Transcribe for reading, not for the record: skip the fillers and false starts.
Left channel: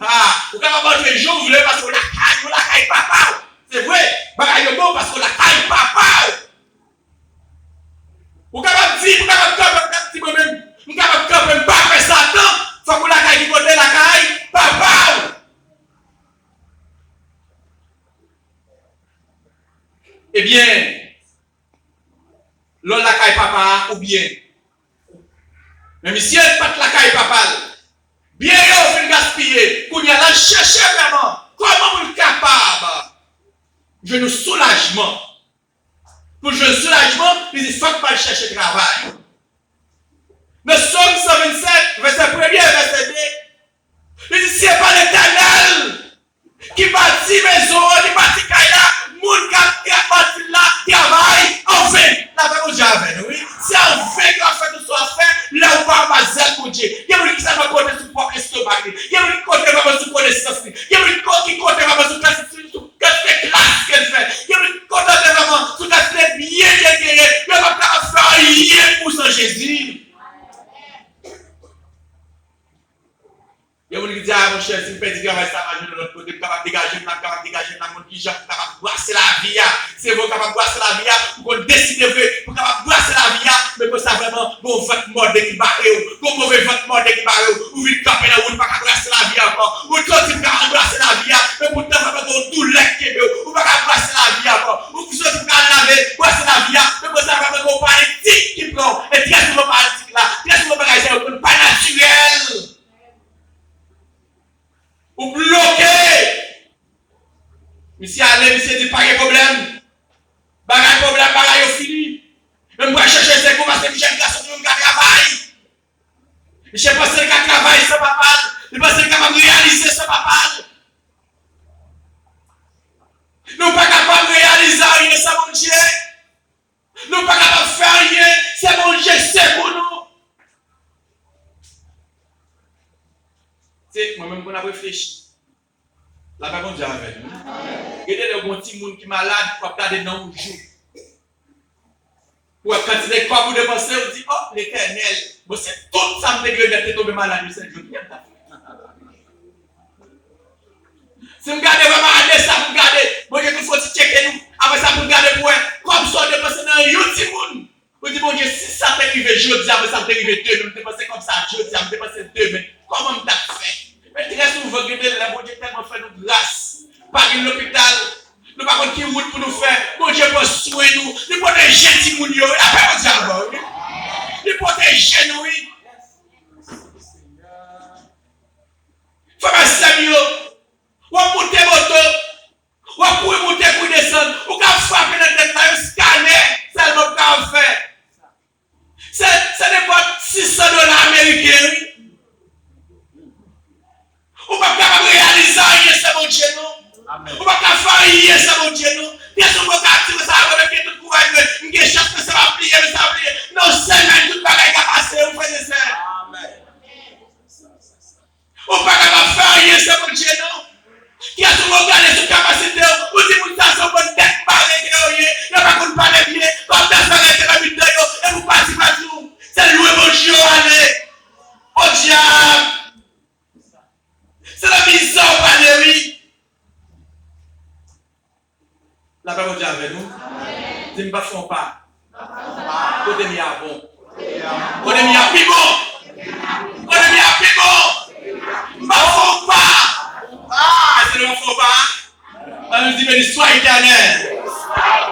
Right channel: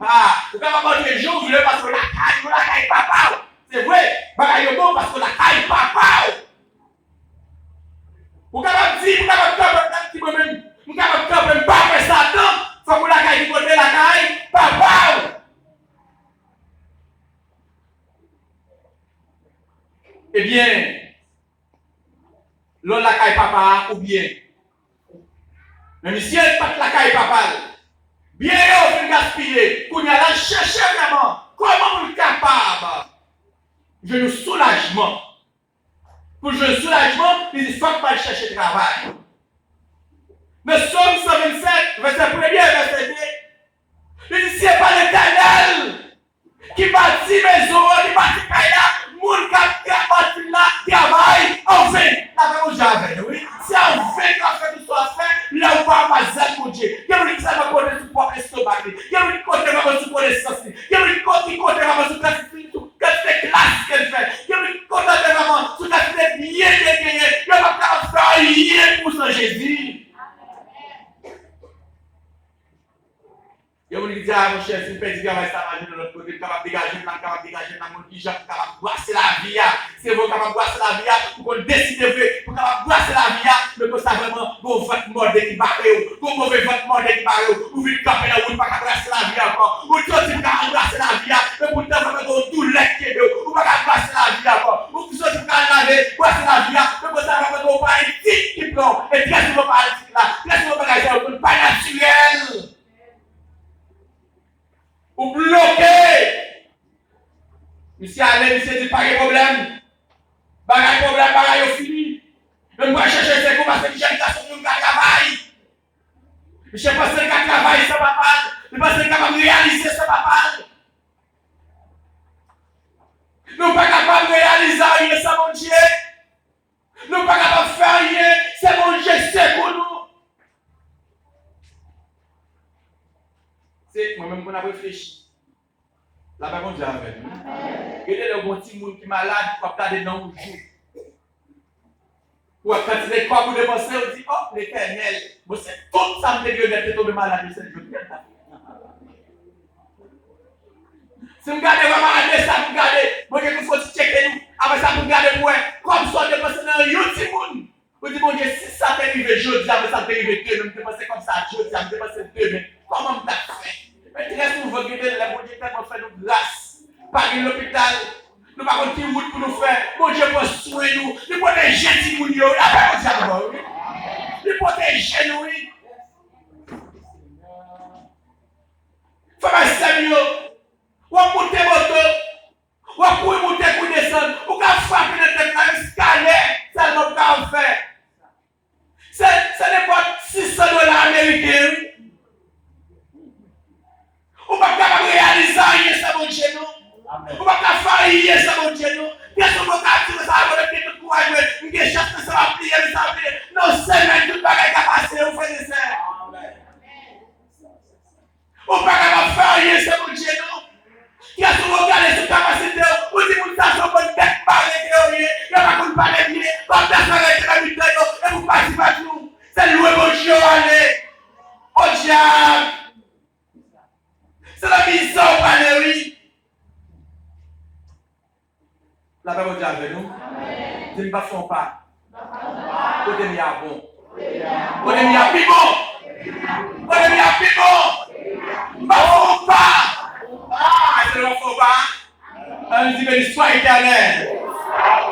Ah, vous pouvez rentrer jour, vous voulez parce que la caille papa. C'est vrai, bagaille bon parce que la caille papa. Vous pouvez dire, vous pouvez moi-même, vous pouvez pas faire Satan, faut que la caille qui côté la caille papa. Eh bien, l'on la caille papa ou bien. Mais si elle pas la caille papa, bien on fait gaspiller, qu'on y a là chercher vraiment comment vous êtes capable de nous soulagement. Pour le soulagement, il faut pas chercher travail. Nous sommes 127, verset 1er, verset 2. Il dit, c'est pas l'Éternel qui bâtit maison, qui bâtit Kaya, moun qui a bâti là, travail, en vain. La vraie chose avec oui. C'est en vain qu'on fait tout soit fait, là où pas ma zèle pour Dieu. Il y a une qui s'en va côté sur propre estomac. Il y a une qui côté va sur connaissance. Il y a une qui côté va sur classe qu'elle fait. Il y a une côté vraiment sur classe bien gagné. Il y a pas faire rien pour son Jésus. Il y a des gens qui disent, ah mon cher, si je fais du travail, ça va de l'autre côté, je suis capable de dégager, je suis capable de mon qui j'ai capable de brasser la vie. C'est vous capable de brasser la vie, pour qu'on décide pour capable de brasser la vie, mais que ça vraiment, bon votre mode qui barre, bon mauvais votre mode qui barre, ou vous camper là, ou pas capable de brasser la vie encore, ou toi tu capable de brasser la vie, mais pourtant vraiment tout lait qui est, ou pas capable de brasser la vie encore, ou vous tu capable de laver, brasser la vie, mais que ça vraiment paralytique qui prend, et très souvent paralytique là, très souvent paralytique, pas naturel. Ou bloqué. Monsieur allez, monsieur dit pas de problème. Bagay problème, bagay fini. Même moi chercher c'est pour parce que j'ai une garçon qui travaille. Je pense qu'il travaille sans papa. Je pense qu'il est capable de réaliser sans papa. Nous ne sommes pas capables de réaliser rien sans mon Dieu. Nous ne sommes pas capables de faire rien. C'est mon Dieu, c'est pour nous. C'est moi-même qu'on a réfléchi. La parole Dieu avec nous. Regardez le bon petit monde qui est malade, pour regarder dans le jour. Ou quand il est comme vous dépensez, on dit, oh l'Éternel, bon, c'est tout ça me dégrade de tomber malade, c'est le jour. Si vous regardez vraiment à ça, vous regardez, bon Dieu, il faut checker nous. Après ça, vous regardez pour comme ça, dépenser dans un petit monde. Vous dites, bon Dieu, si ça t'est arrivé jeudi, après ça t'est arrivé demain, je dépenser comme ça jeudi, je dépenser demain. Comment vous avez fait? Mais très souvent, regardez, la bon Dieu tellement fait nous grâce. Pas de l'hôpital. Nous pas qui route pour nous faire. Bon Dieu pour soin nous. Il protège les gens. Il a pas de diable. Il protège nous. Frère Samuel, ou monter moto, ou pour monter pour descendre, ou quand frapper dans tête là, un scanner, ça ne va pas faire. Ça n'est pas $600 américains. Ou pas capable de réaliser rien, c'est mon Dieu, non? Ou pas capable de faire rien, c'est mon Dieu, non? Qu'est-ce qu'on va faire? Ça va avec tout le courage, une chance que ça va plier, mais ça va plier. Non, c'est même tout le bagage qui a passé, vous faites ça. Ou pas capable de faire rien, c'est mon Dieu, non? Qu'est-ce qu'on va regarder sur capacité? Ou si vous avez une bonne tête, parlez, il n'y a pas qu'on parle bien, comme ça, ça va être la vidéo, et vous partez partout. C'est louer mon Dieu, allez. Au diable. C'est la mise en Valérie. La parole de avec nous. Je ne me fais pas. Côté mi a bon. Côté mi a plus bon. Côté mi a plus bon. Je ne me fais pas. Ah, c'est le faux pas. On nous dit, mais sois éternel.